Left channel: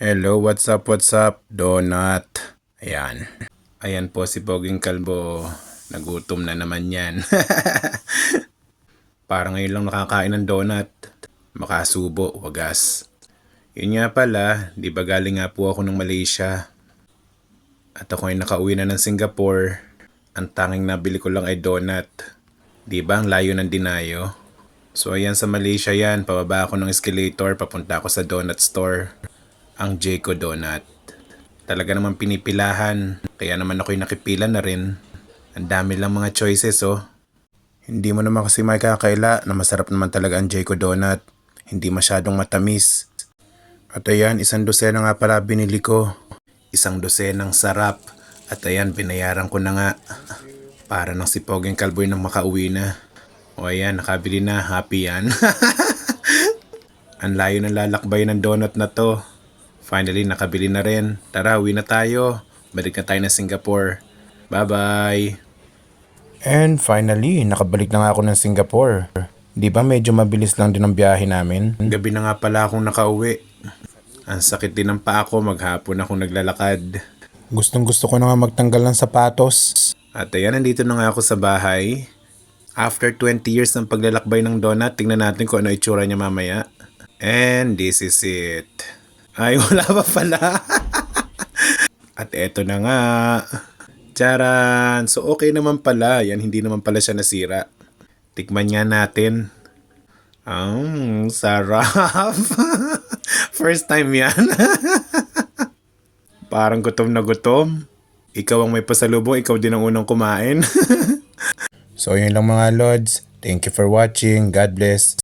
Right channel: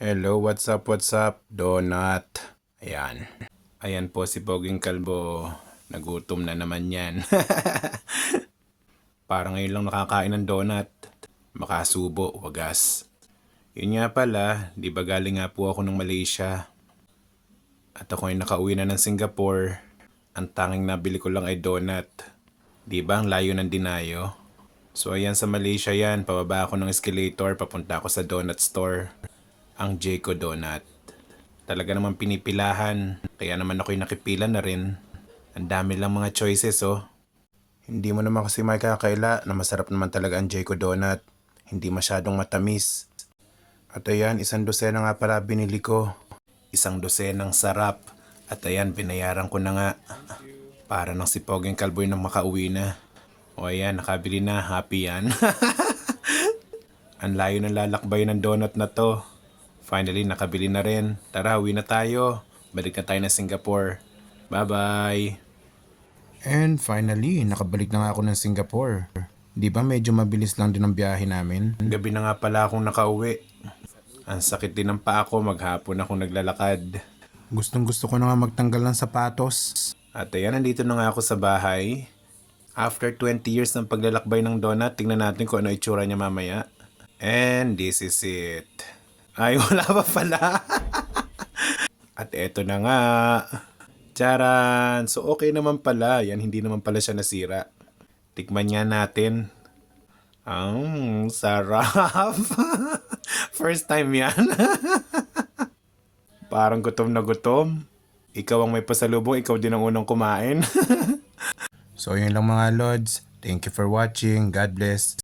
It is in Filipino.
Hello, what's up, donut. Ayan. Ayan po si Poging Kalbo. Nagutom na naman yan. Parang ngayon lang nakakain ng donut. Makasubo, wagas. Yun nga pala, di ba galing nga po ako ng Malaysia. At ako ay nakauwi na ng Singapore. Ang tanging nabili ko lang ay donut. Di ba ang layo ng dinayo? So ayan sa Malaysia yan, pababa ako ng escalator, papunta ako sa donut store. Ang Jayco Donut. Talaga naman pinipilahan, kaya naman ako'y nakipila na rin. Ang dami lang mga choices oh. Hindi mo naman kasi makakaila na masarap naman talaga ang Jayco Donut. Hindi masyadong matamis. At ayan, 1 dosena nga pala binili ko. 1 dosenang sarap. At ayan, binayaran ko na nga. Para nang si Poging Kalboy nang makauwi na. O ayan, nakabili na. Happy yan. Ang layo ng lalakbay ng donut na to. Finally, nakabili na rin. Tara, uwi na tayo. Balik na tayo ng Singapore. Bye-bye! And finally, nakabalik na nga ako ng Singapore. Di ba medyo mabilis lang din ang biyahe namin? Gabi na nga pala akong nakauwi. Ang sakit din ng paa ko, maghapon akong naglalakad. Gustong gusto ko na nga magtanggal ng sapatos. At ayan, nandito na nga ako sa bahay. After 20 years ng paglalakbay ng donut, tingnan natin kung ano itsura niya mamaya. And this is it. Ay, wala pa pala. At eto na nga. Charan! So okay naman pala. Yan, hindi naman pala siya nasira. Tikman nga natin. Sarap. First time yan. Parang gutom na gutom. Ikaw ang may pasalubong, ikaw din ang unang kumain. So yun lang mga lods. Thank you for watching. God bless.